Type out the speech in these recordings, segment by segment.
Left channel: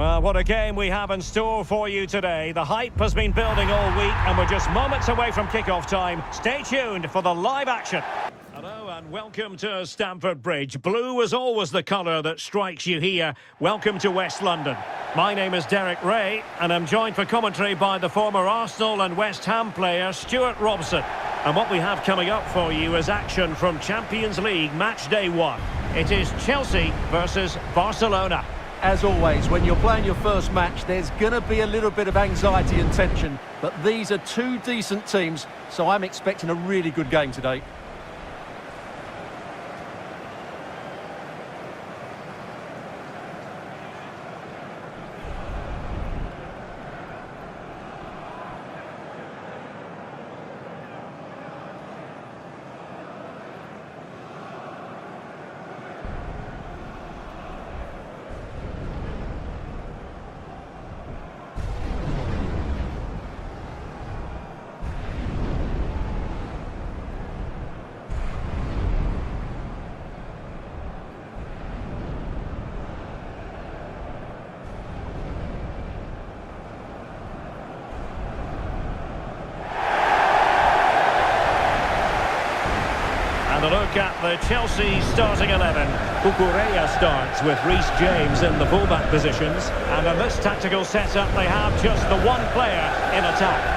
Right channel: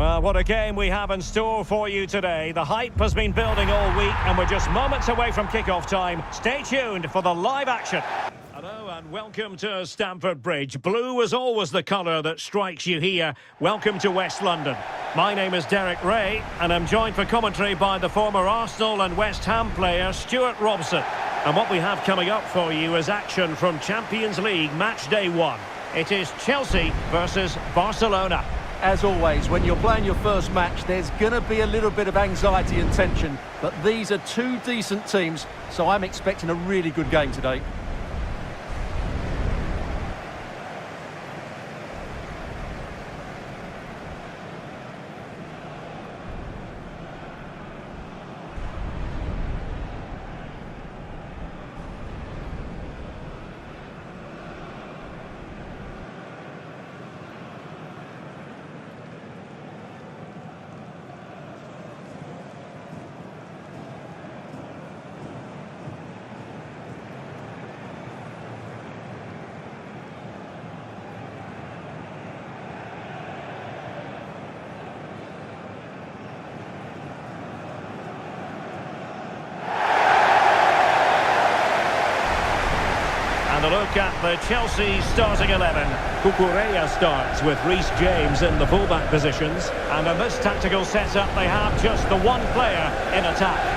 Well, what a game we have in store for you today. The hype has been building all week and we're just moments away from kick-off time. Stay tuned for the live action. Hello and welcome to Stamford Bridge. Blue is always the colour that strikes you here. Welcome to West London. My name is Derek Ray and I'm joined for commentary by the former Arsenal and West Ham player Stuart Robson. And what we have coming up for you is action from Champions League match day 1. It is Chelsea versus Barcelona. As always, when you're playing your first match, there's going to be a little bit of anxiety and tension. But these are two decent teams, so I'm expecting a really good game today. And a look at the Chelsea starting 11. Cucurella starts with Reece James in the fullback positions. And in this tactical setup, they have just the one player in attack.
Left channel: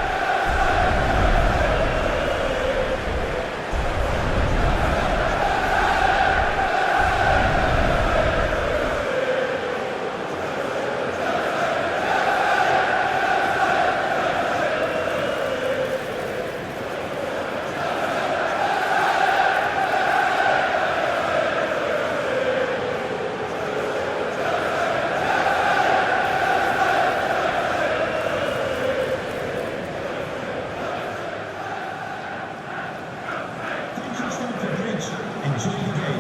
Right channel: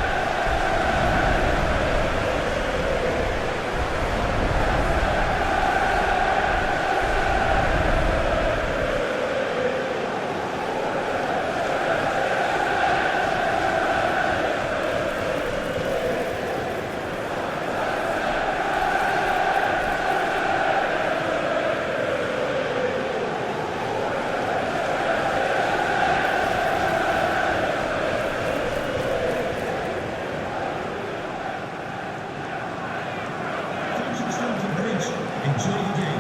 Stamford Bridge, enjoy the game.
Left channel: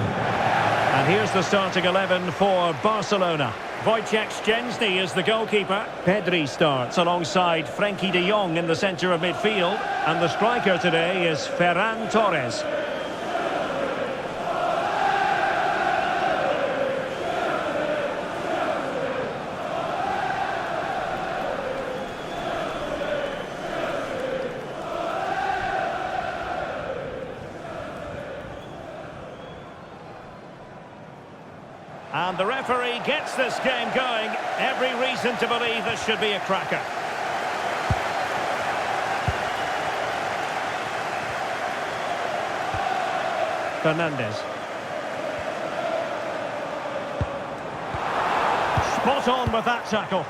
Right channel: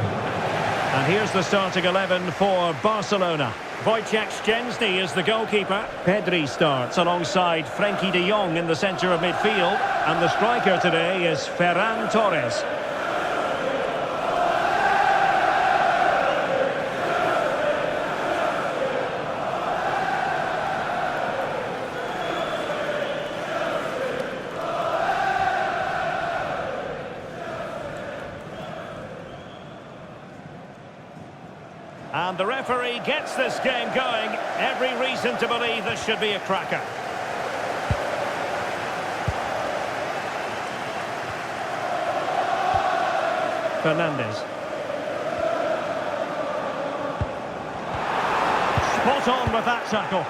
And here's the starting 11 for Barcelona. Wojciech Szczęsny is the goalkeeper. Pedri starts alongside Frenkie de Jong in the centre of midfield. And the striker today is Ferran Torres. And the referee gets this game going. Every reason to believe this should be a cracker. Fernandes. Spot on with that tackle.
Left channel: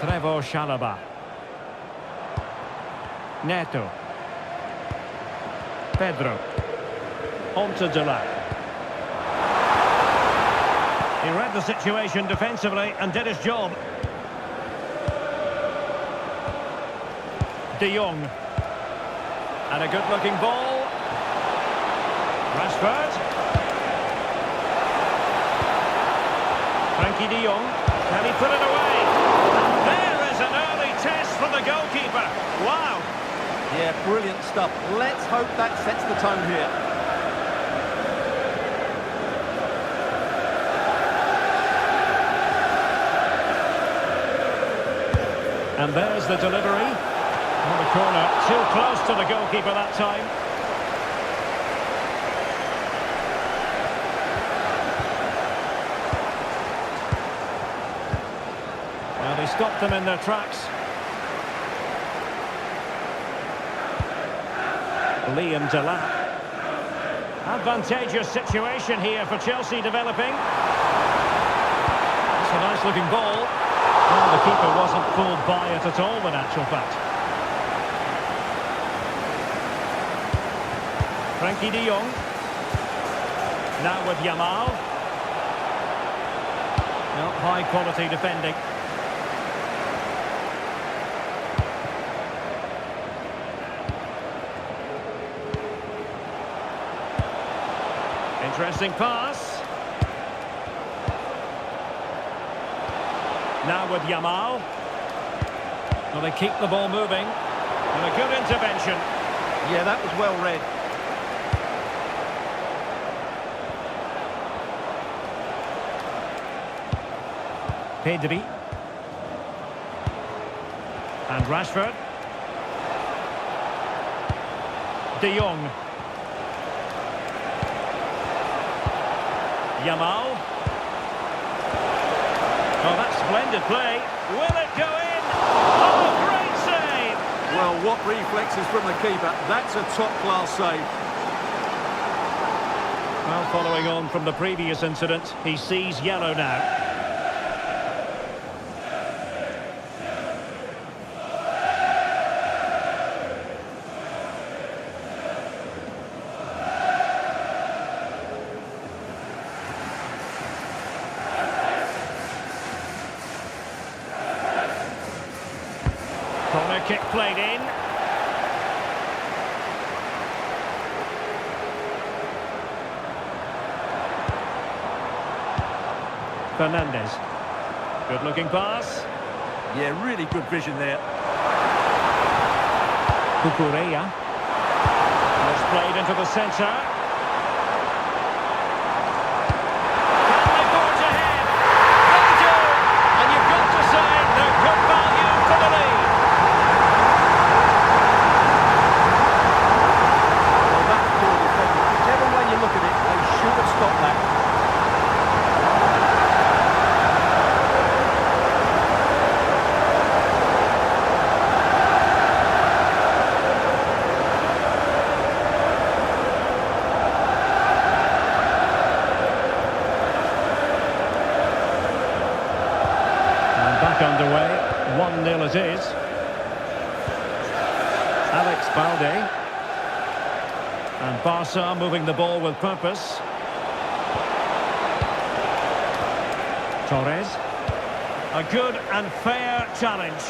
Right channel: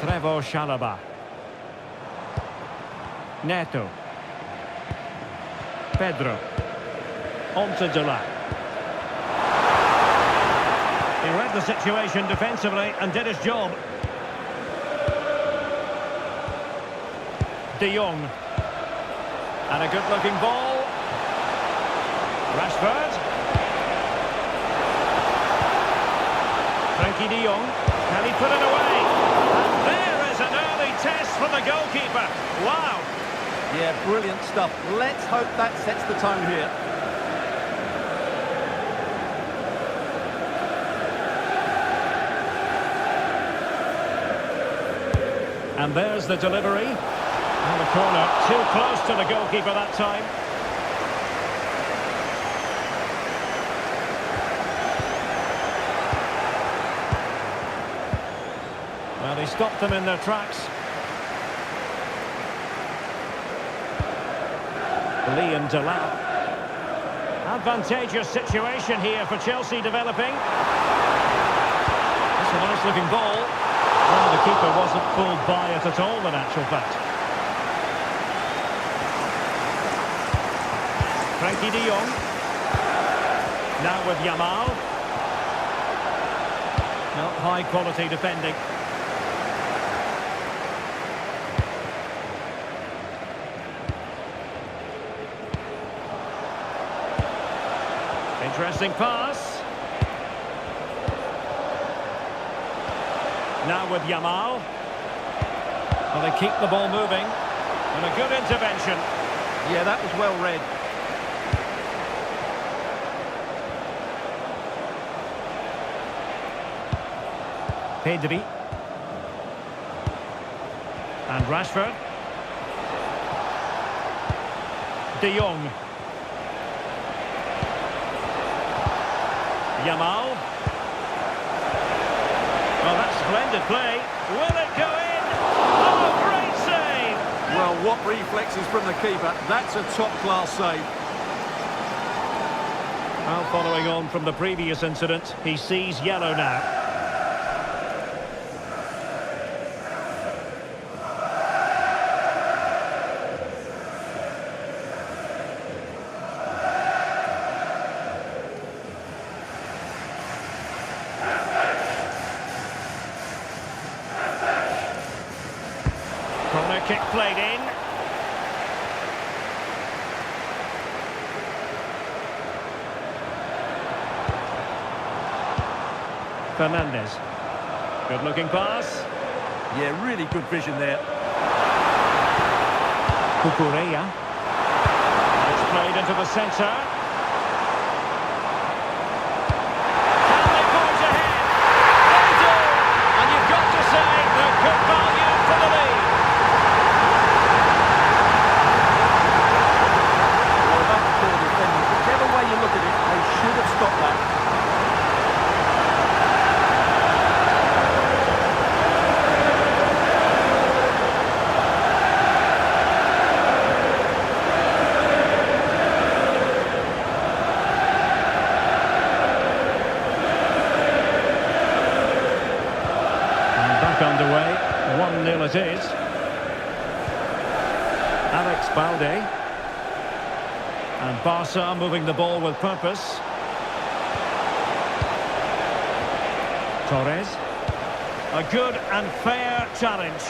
Trevor Chalobah. Neto. Pedro. On to Delap. He read the situation defensively and did his job. De Jong. And a good-looking ball. Rashford. Frenkie de Jong. Can he put it away? And there is an early test for the goalkeeper. Wow. Yeah, brilliant stuff. Let's hope that sets the tone here. And there's the delivery. On the corner, too close to the goalkeeper that time. Well, he stopped them in their tracks. Liam Delap. Advantageous situation here for Chelsea developing. It's a nice looking ball. Well, the keeper wasn't fooled by it at all in actual fact. Frenkie de Jong. Now with Yamal. No, high quality defending. Interesting pass. Now with Yamal. Well, they keep the ball moving. And a good intervention. Yeah, that was well read. Pedri. And Rashford. De Jong. Yamal. Oh, that's splendid play. Will it go in? Oh, great save! Well, what reflexes from the keeper. That's a top-class save. Well, following on from the previous incident, he sees yellow now. Corner kick played in. Fernandez. Good looking pass. Yeah, really good vision there. Cucurella. And it's played into the centre. Can they forge ahead? They do! And you've got to say they're good value for the lead. Well, that's poor defending. Whichever way you look at it, they should have stopped that. Back underway, 1-0 it is. Alex Balde. And Barca moving the ball with purpose. Torres. A good and fair challenge.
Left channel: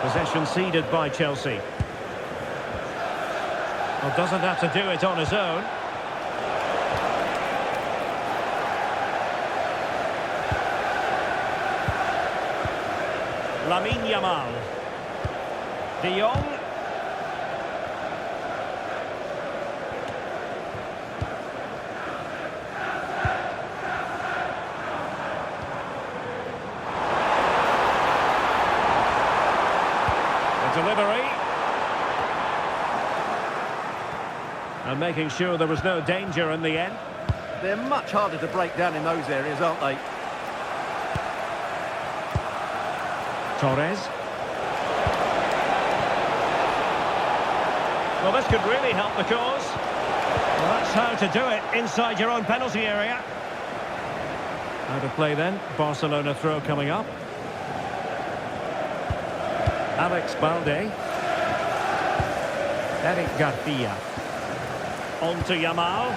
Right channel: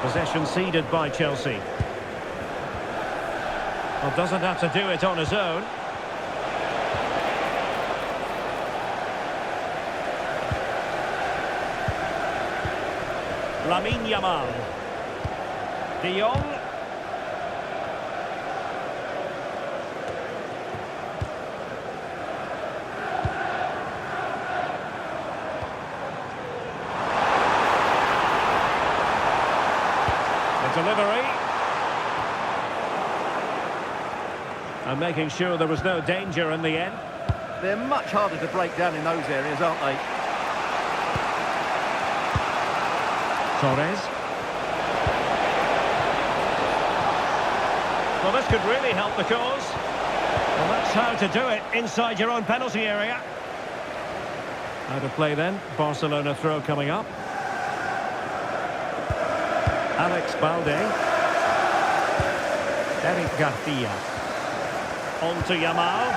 Possession ceded by Chelsea. Well, doesn't have to do it on his own. Lamine Yamal. De Jong. The delivery. And making sure there was no danger in the end. They're much harder to break down in those areas, aren't they? Torres. Well, this could really help the cause. Well, that's how to do it inside your own penalty area. Out of play then. Barcelona throw coming up. Alex Balde. Eric Garcia. On to Yamal.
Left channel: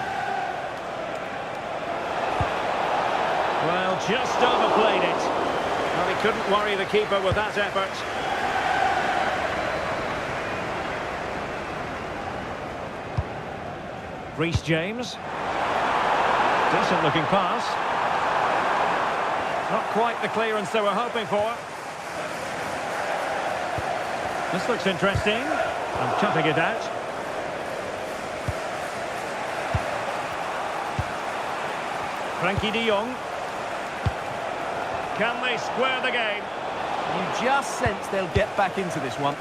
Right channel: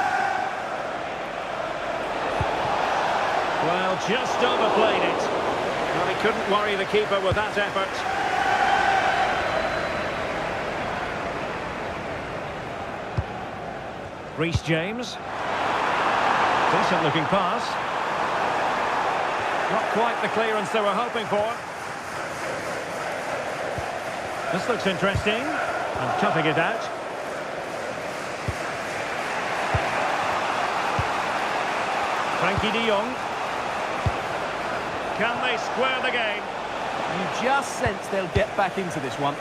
Well, just overplayed it. Well, he couldn't worry the keeper with that effort. Reece James. Decent looking pass. Not quite the clearance they were hoping for. This looks interesting. And cutting it out. Frankie de Jong. Can they square the game? You just sense they'll get back into this one.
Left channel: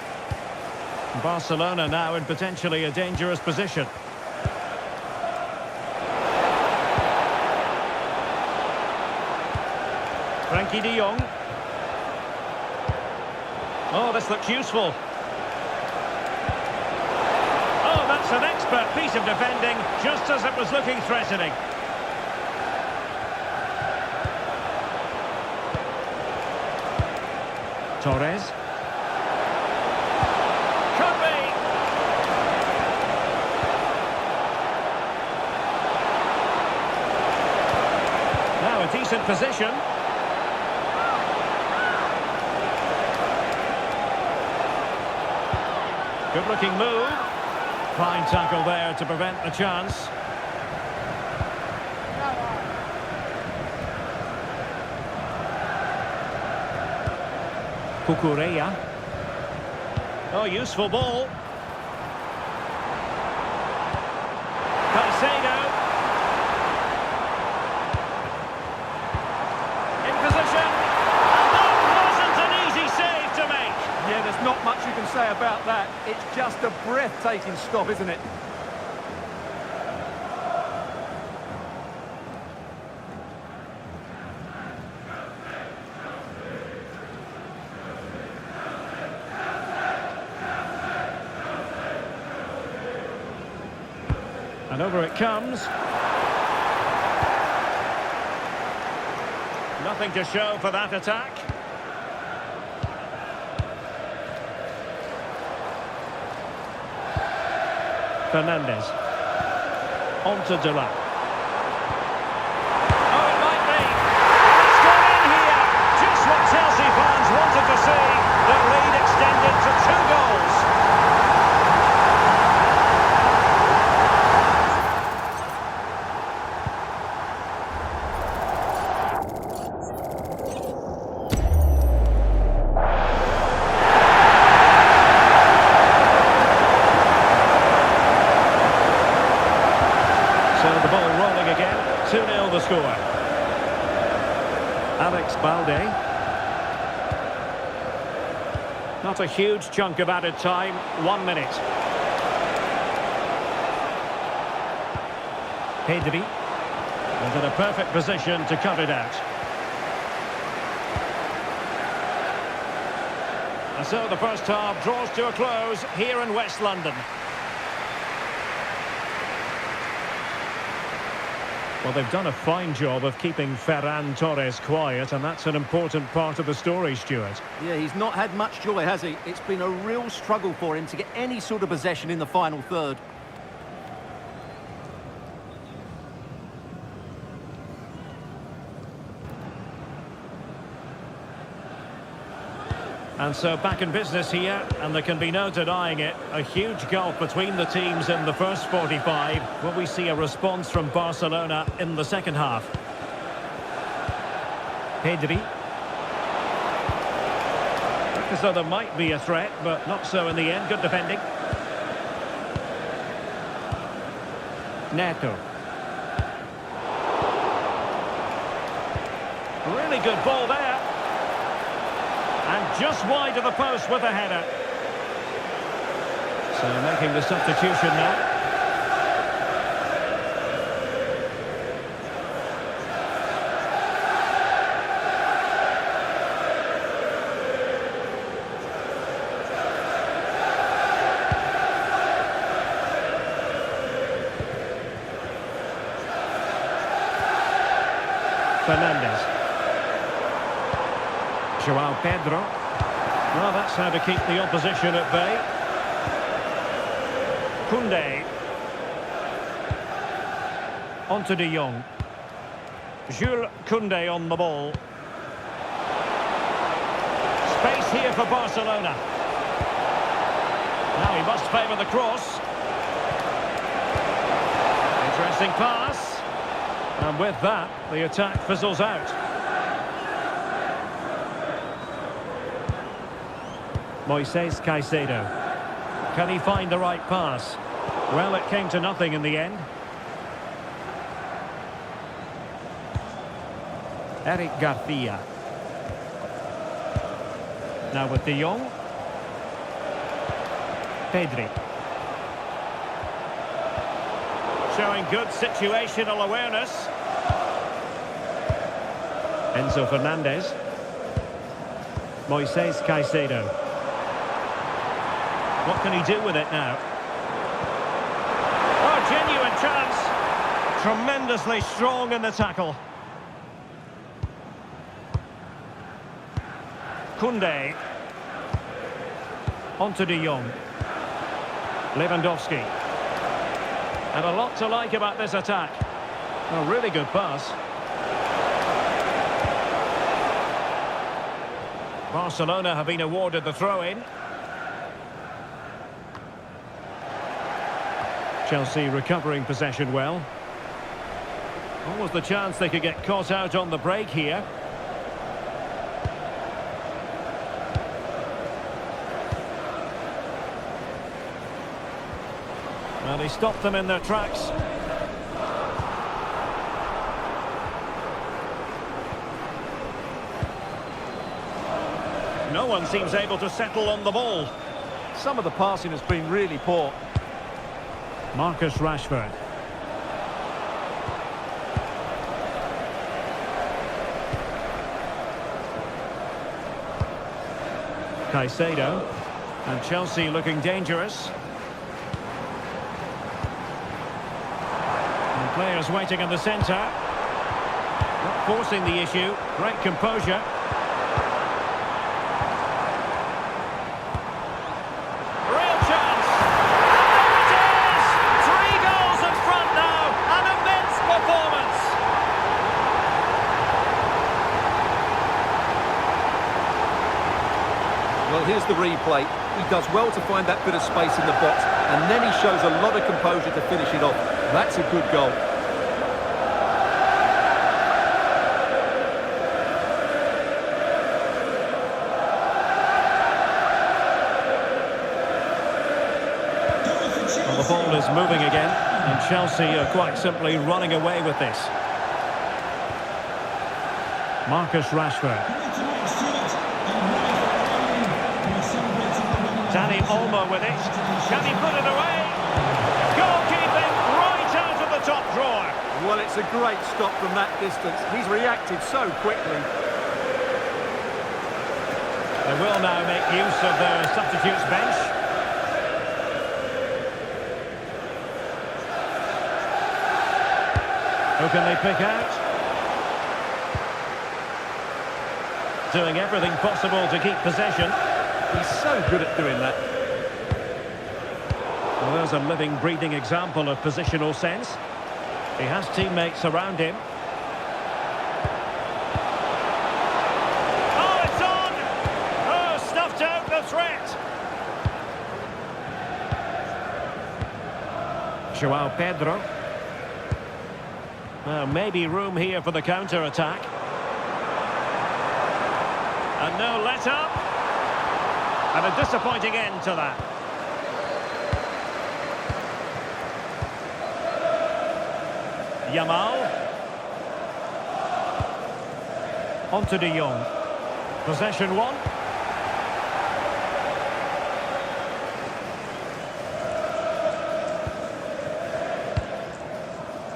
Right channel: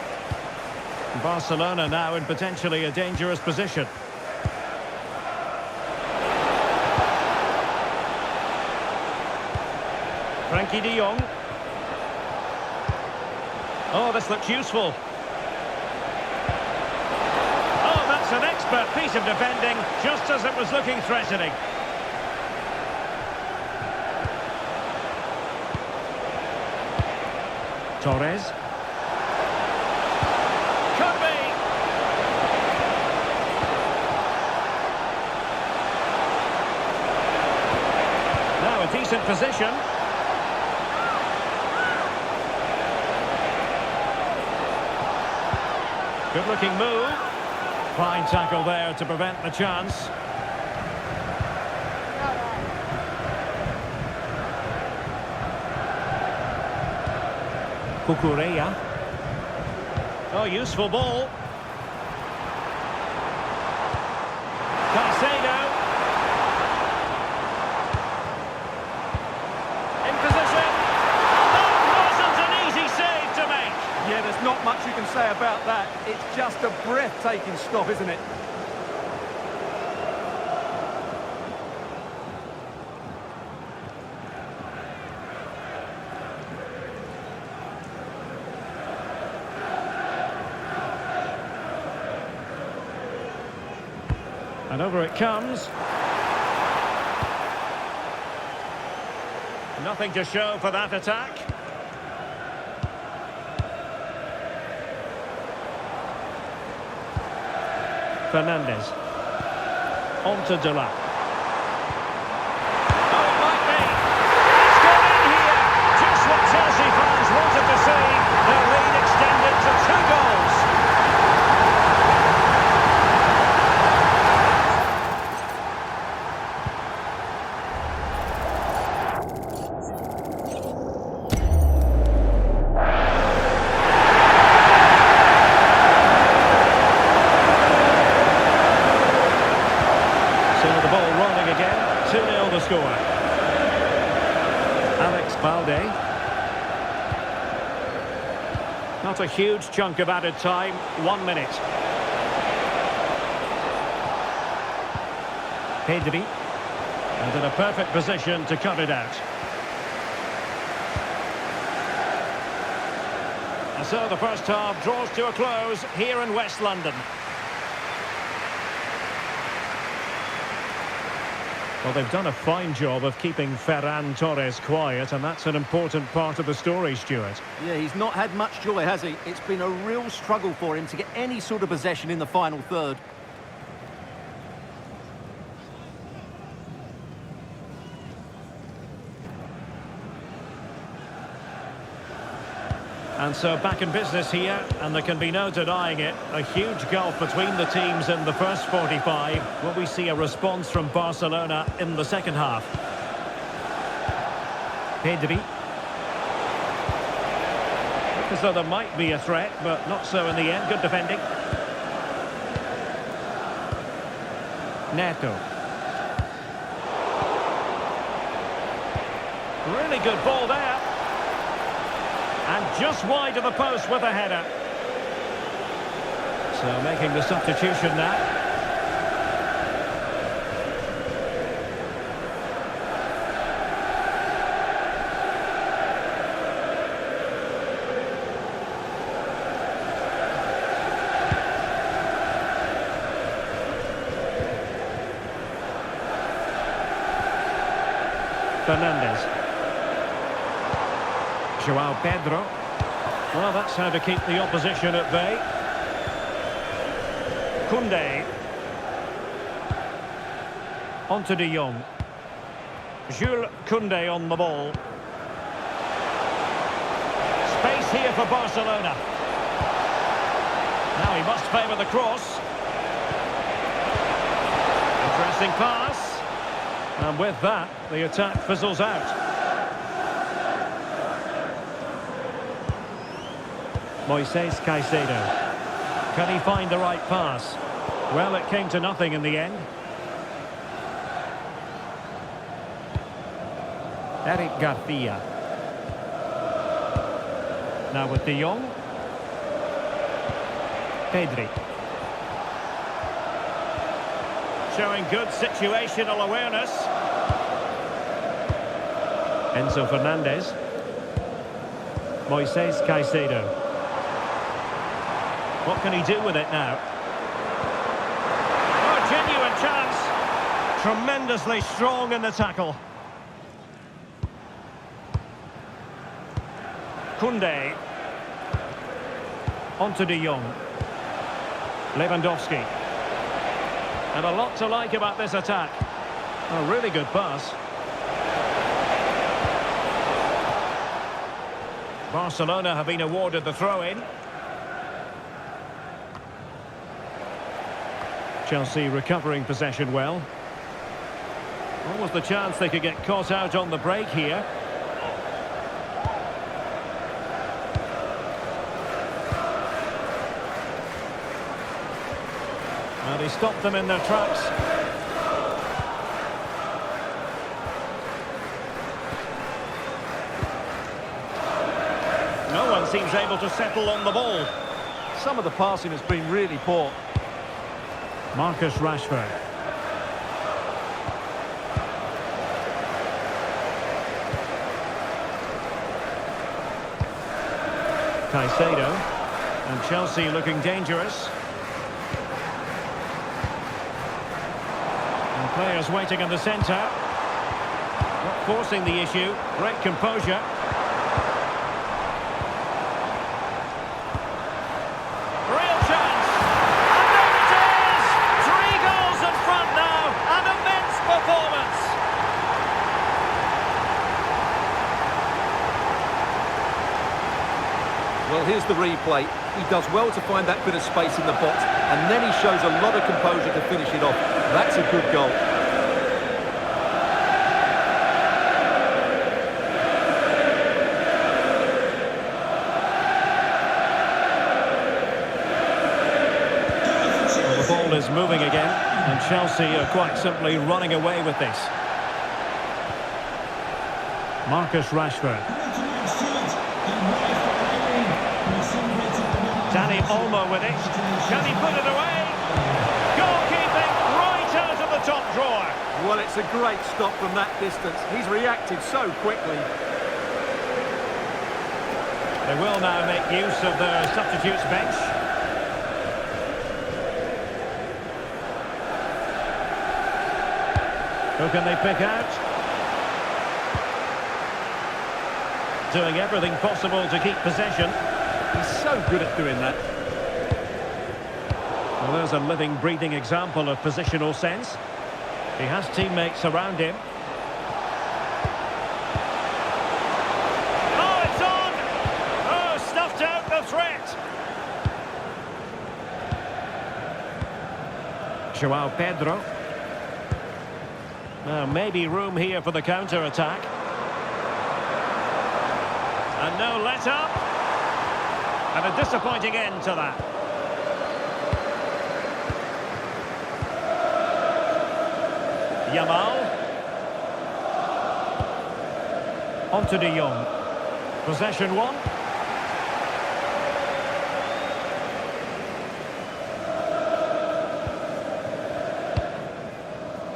Barcelona now in potentially a dangerous position. Frankie de Jong. Oh, this looks useful. Oh, that's an expert piece of defending, just as it was looking threatening. Torres. Could be. Now a decent position. Good looking move. Fine tackle there to prevent the chance. Cucurella. Oh, useful ball. Caicedo. In position. And that wasn't an easy save to make. Yeah, there's not much you can say about that. It's just a breathtaking stop, isn't it? And over it comes. Nothing to show for that attack. Fernandes. On to Dela. Oh, it might be. It's gone in here. Just what Chelsea fans wanted to see. Their lead extended to 2 goals. So the ball rolling again, 2-0 the score. Alex Balde. Not a huge chunk of added time, 1 minute. Pedri. And in a perfect position to cut it out. And so the first half draws to a close here in West London. Well, they've done a fine job of keeping Ferran Torres quiet, and that's an important part of the story, Stuart. Yeah, he's not had much joy, has he? It's been a real struggle for him to get any sort of possession in the final third. And so back in business here, and there can be no denying it. A huge gulf between the teams in the first 45. Will we see a response from Barcelona in the second half? Pedri. Looked as though there might be a threat, but not so in the end. Good defending. Neto. Really good ball there. And just wide of the post with a header. So making the substitution now. Fernandes. Joao Pedro. Well, that's how to keep the opposition at bay. Koundé. On to De Jong. Jules Koundé on the ball. Space here for Barcelona. Now he must favour the cross. Interesting pass. And with that, the attack fizzles out. Moises Caicedo. Can he find the right pass? Well, it came to nothing in the end. Eric Garcia. Now with De Jong. Pedri. Showing good situational awareness. Enzo Fernandez. Moises Caicedo. What can he do with it now? Oh, genuine chance. Tremendously strong in the tackle. Koundé. On to De Jong. Lewandowski. And a lot to like about this attack. A really good pass. Barcelona have been awarded the throw-in. Chelsea recovering possession well. Almost the chance they could get caught out on the break here. Well, he stopped them in their tracks. No one seems able to settle on the ball. Some of the passing has been really poor. Marcus Rashford. Caicedo. And Chelsea looking dangerous. And players waiting in the centre. Not forcing the issue. Great composure. Real chance. And there it is! 3 goals in front now. An immense performance. Well, here's the replay. He does well to find that bit of space in the box, and then he shows a lot of composure to finish it off. That's a good goal. Well, the ball is moving again, and Chelsea are quite simply running away with this. Marcus Rashford. Danny Olmo with it. Can he put it away? Goalkeeping right out of the top drawer. Well, it's a great stop from that distance. He's reacted so quickly. They will now make use of their substitutes bench. Who can they pick out? Doing everything possible to keep possession. He's so good at doing that. Well, there's a living, breathing example of positional sense. He has teammates around him. Oh, it's on! Oh, stuffed out the threat. Joao Pedro. Now, maybe room here for the counter-attack. And no let-up. And a disappointing end to that. Yamal. On to De Jong. Possession 1.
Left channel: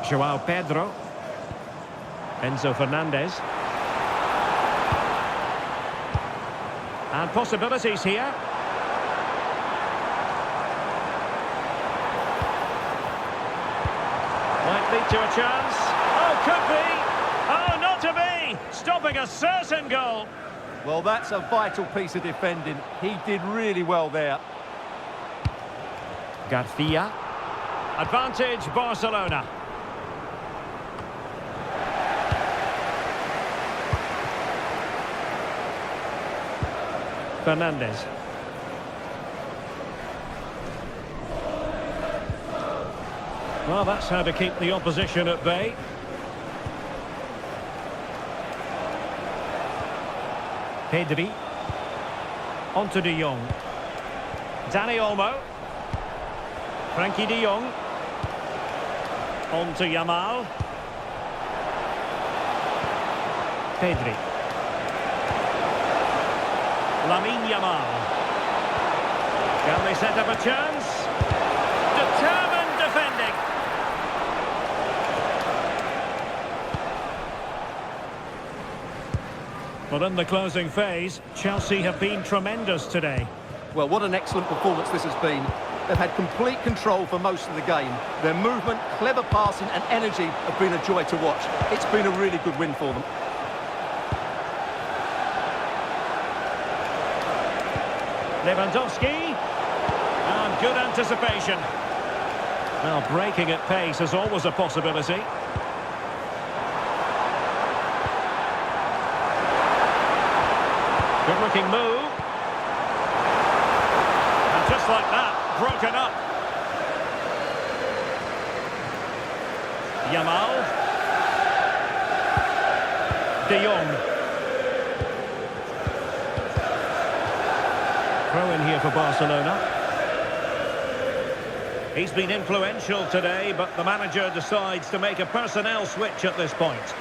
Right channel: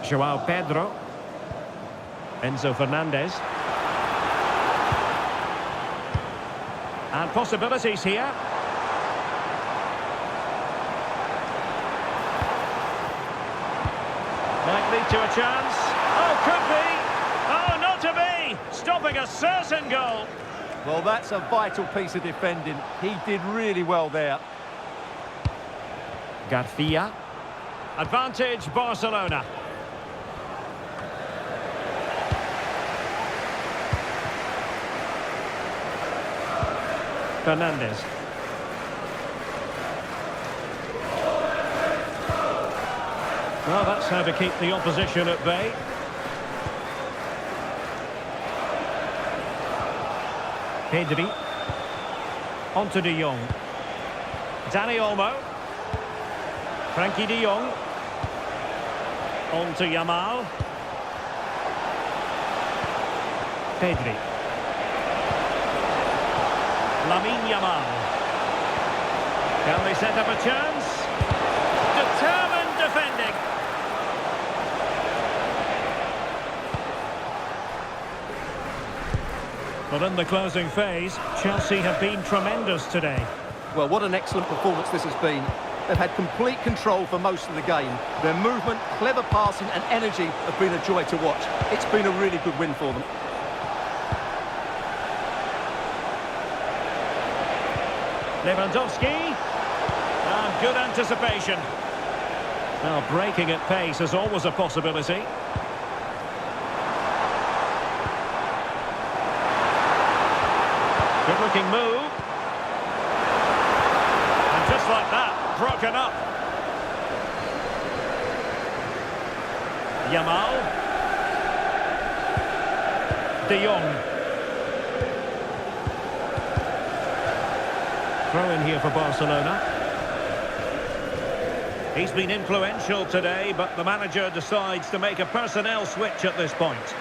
Joao Pedro. Enzo Fernandez. And possibilities here. Might lead to a chance. Oh, could be. Oh, not to be. Stopping a certain goal. Well, that's a vital piece of defending. He did really well there. Garcia. Advantage Barcelona. Fernandez. Well, that's how to keep the opposition at bay. Pedri. On to De Jong. Danny Olmo. Frankie De Jong. On to Yamal. Pedri. Lamine Yamal. Can they set up a chance? Determined defending. Well, in the closing phase, Chelsea have been tremendous today. Well, what an excellent performance this has been. They've had complete control for most of the game. Their movement, clever passing and energy have been a joy to watch. It's been a really good win for them. Lewandowski. And good anticipation. Well, breaking at pace is always a possibility. Good looking move. And just like that, broken up. Yamal. De Jong. Throw in here for Barcelona. He's been influential today, but the manager decides to make a personnel switch at this point.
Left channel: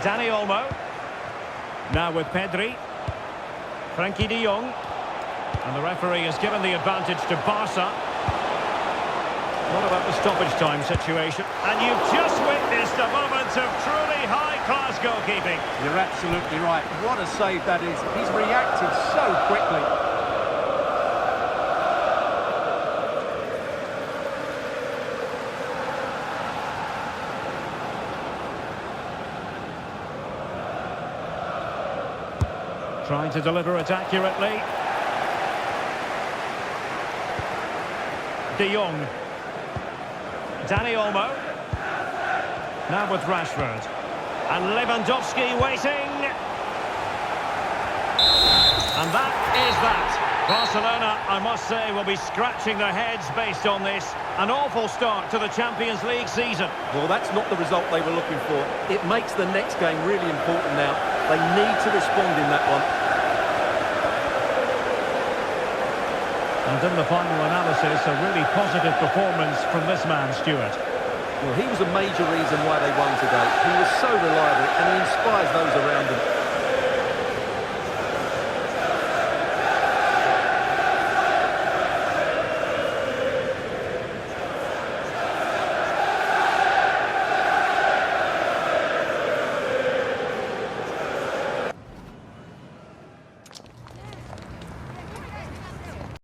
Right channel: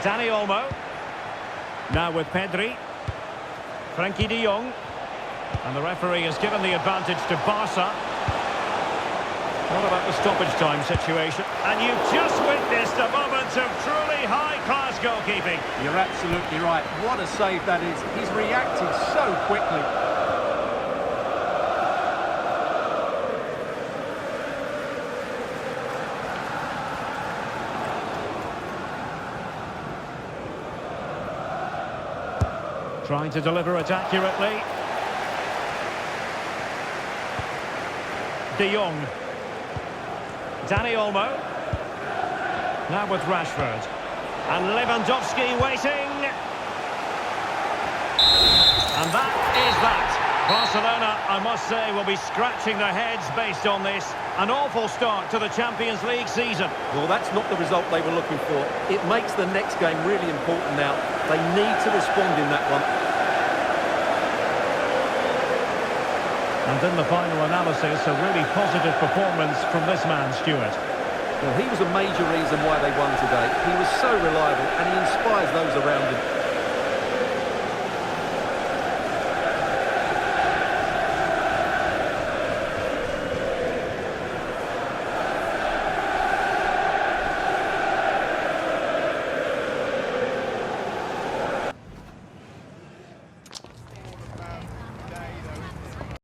Dani Olmo. Now with Pedri. Frankie de Jong. And the referee has given the advantage to Barca. What about the stoppage time situation? And you've just witnessed a moment of truly high-class goalkeeping. You're absolutely right. What a save that is. He's reacted so quickly. Trying to deliver it accurately. De Jong. Dani Olmo. Now with Rashford. And Lewandowski waiting. And that is that. Barcelona, I must say, will be scratching their heads based on this. An awful start to the Champions League season. Well, that's not the result they were looking for. It makes the next game really important now. They need to respond in that one. And in the final analysis, a really positive performance from this man, Stuart. Well, he was a major reason why they won today. He was so reliable and he inspires those around him.